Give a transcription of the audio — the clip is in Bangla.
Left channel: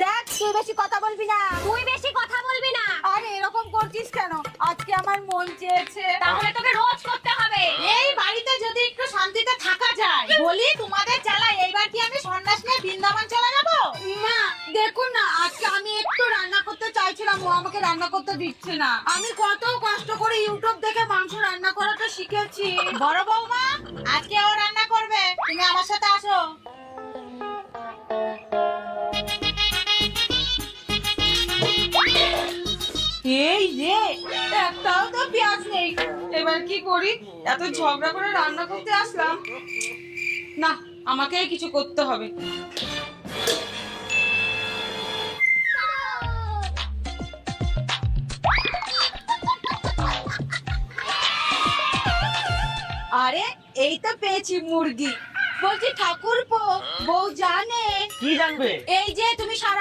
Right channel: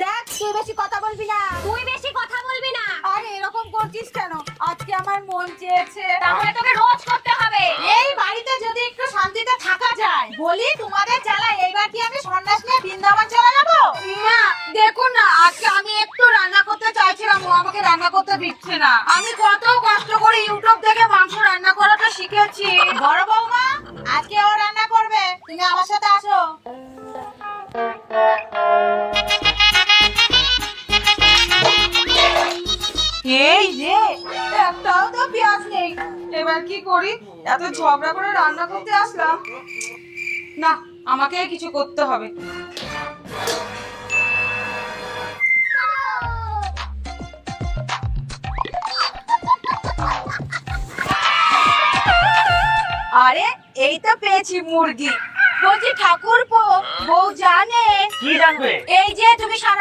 দেখ তুই বেশি কথা বলবি না। তুই বেশি কথা বলবি না। আরে এরকম করছিস কেন? আজকে আমার মন চেয়েছে। তাহলে তোকে রোজ করতে হবে। এই বাড়িতে যদি একটু শান্তিতে থাকা যায়। বলি তোমাদের জ্বালায় এইবার কি আমি সন্ন্যাস নিয়ে বৃন্দাবন চলে যাবো? মা দেখুন না, আজকে আমি একটু রান্না করতে চাইছিলাম, ও আমাকে রান্না করতে দিচ্ছে না। আমি কত কষ্ট করে ইউটিউব দেখে মাংস রান্না করাটা শিখেছি। বড় বৌমা আজকে ও রান্না করবে, তুমি আমার সাথে আসো। এই রে, একটাও তো পেঁয়াজ নেই। এবার কি করি? এত ঝগড়া করে রান্না করতে আসলাম। না, আমাকে কিছু করতে হবে। আরে এই তো পেয়েছি মুরগি। বলছি ঠাকুরপো, বউ জানে? কি জানবে? এই যে তুমি সারা